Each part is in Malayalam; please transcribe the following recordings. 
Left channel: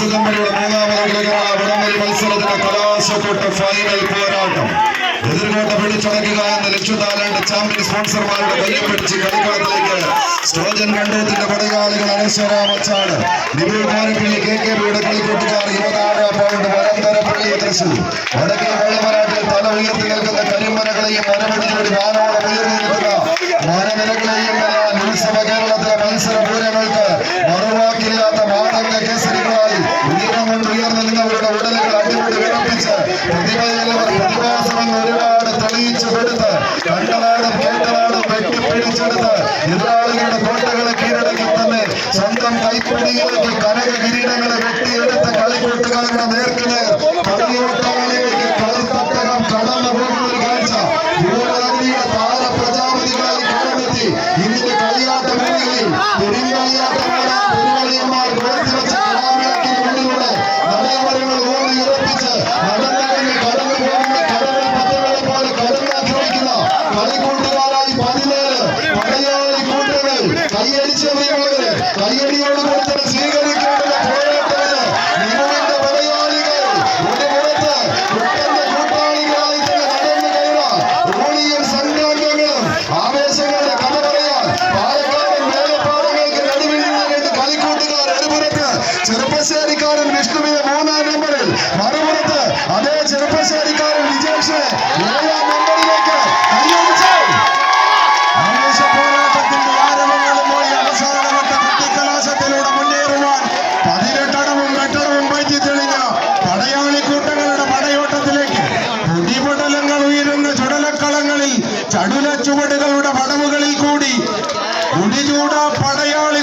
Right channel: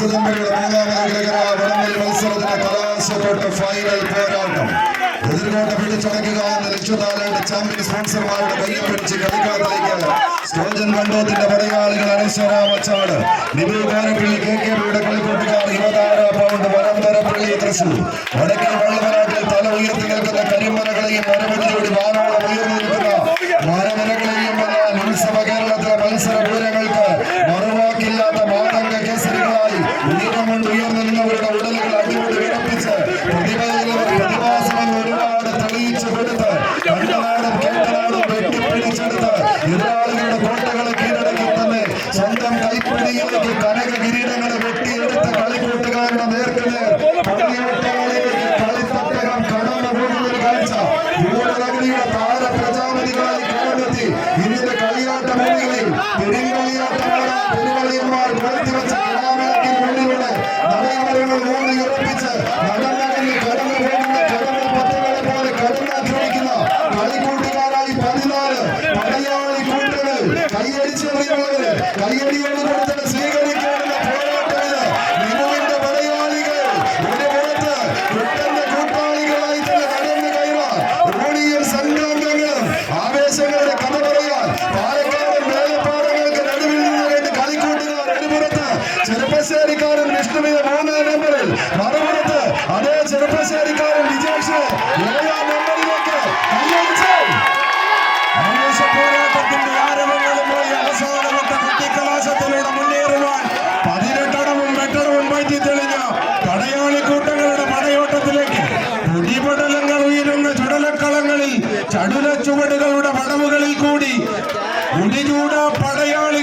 സിതമ്പരയുടെ മൂന്നാമത് വടംവലി മത്സരത്തിന്റെ കലാശക്കൊട്ട് ഫൈനൽ പോരാട്ടം. എതിർകോട്ട പിടിച്ചടക്കുക എന്ന ചാമ്പ്യൻ സ്പോൺസർമാരുടെ കയ്യം പിടിച്ച് കളിക്കളത്തിലേക്ക്. സ്റ്റേജൻ കണ്ടോത്തിന്റെ പടയാളികൾ അനശ്വരാമച്ചാട്. നിബിൾ കോരപ്പള്ളി കെ കെ ബിയുടെ കളിക്കൂട്ടുകാർ യുവതാര വടക്കേ വെള്ളമനാട്ടിൽ തല ഉയർത്തി നിൽക്കുന്ന കരിമലകളെയും മരമടിയോട് ധാരാളം ഉയർന്നു നിൽക്കുന്ന മരനിലകളെയും എല്ലാം ഉത്സവ വിറപ്പിച്ച് പ്രതിഭയിലവർ പ്രതിഭാസമെന്ന് ഒരുപാട് തെളിയിച്ചു കൊടുത്ത് കണ്ടനാടും കേട്ടനാടും വെട്ടിപ്പിടിച്ചെടുത്ത് എതിരാളികളുടെ കോട്ടകളെ കീഴടക്കി തന്നെ സ്വന്തം കൈപ്പിടിയിലേക്ക് കനക കിരീടങ്ങളെ വെട്ടിയെടുത്ത കളിക്കൂട്ടുകാരുടെ നേർക്കുനേർ കളിയോട്ടാളിലേക്ക് കളിത്തട്ടകം കടന്നു പോകുന്ന ഒരു കാഴ്ച യുവനഗരിയുടെ താര പ്രജാപതികളായി കണ്ടെത്തി ഇന്നിന്റെ കളിയാട്ട ചെറുപ്പശ്ശേരിക്കാരൻ വിഷ്ണുവിനെ മൂന്നാം നമ്പറിൽ. മറുപുറത്ത് അതേ ചെറുപ്പശ്ശേരിക്കാരൻ വിജേഷിനെ ഏഴാം നമ്പറിലേക്ക് തെളിഞ്ഞ പടയാളി കൂട്ടങ്ങളുടെ പടയോട്ടത്തിലേക്ക് ചുടലക്കളങ്ങളിൽ ചടുല ചുവടുകളുടെ പടവുകളിൽ കൂടി മുടിചൂട പടയാളികളുടെ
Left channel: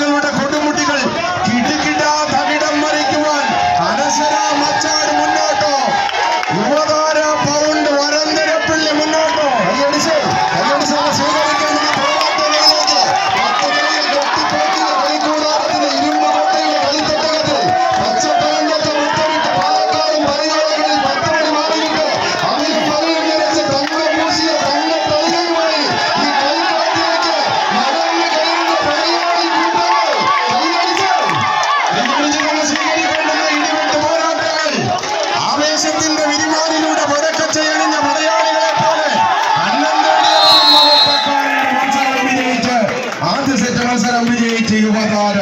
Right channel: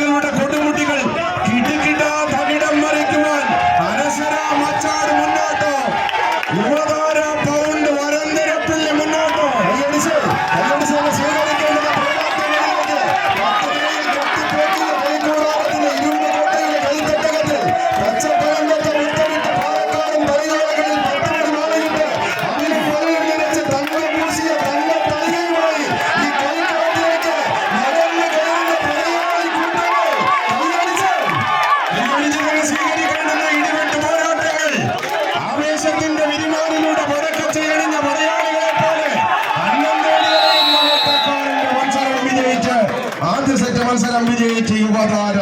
മത്സരം വിജയിച്ച് യുവതാര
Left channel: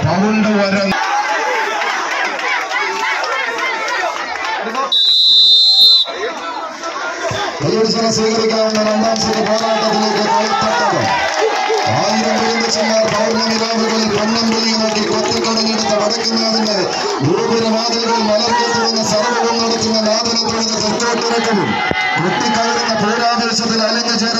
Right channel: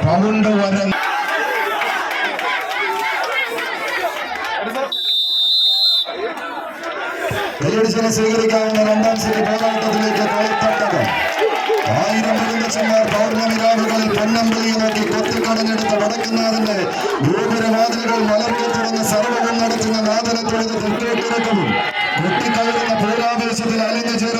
പൗണ്ട് വരം കൈയടിച്ചിനെ സ്വീകരിക്കാവുന്ന രണ്ടാം നടത്തുന്ന നാദനത്തോടെ അലിഞ്ഞു ചേരുന്ന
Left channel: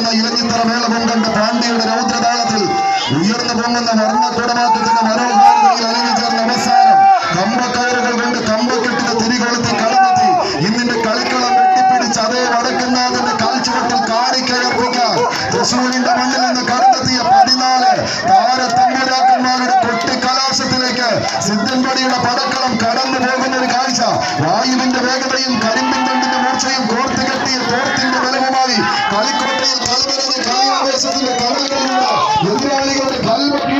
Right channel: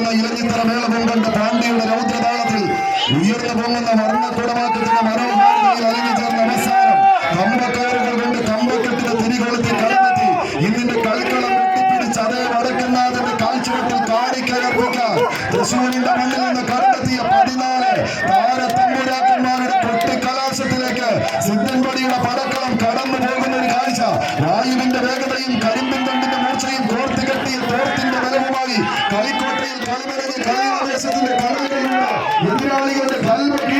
രാജ്യത്തിൽ കാണിക്കലർപ്പിക്കാൻ തൃശ്ശൂരിന്റെ മണ്ണിൽ നിന്ന് കണ്ടെത്തിയ പതിനാല് താരത്തമ്പുരാക്കന്മാരുടെ കൊട്ടിക്കലാശത്തിലേക്ക് സിദ്ധൻപടിയുടെ പടക്കളം കടന്നു പോകുന്ന ഒരു കാഴ്ച. വായുവിന്റെ വേഗതയും കരിമ്പിൻ തണ്ടിന്റെ മൂർച്ചയും കോർത്തു കെട്ടിയ തോർത്തിന്റെ ബലവുമായി കളിക്കോട്ടയിൽ കൽവരത് കലാവേശത്തിന്റെ കടലിലുള്ള എതിരാളികളുടെ കൽവട്ടി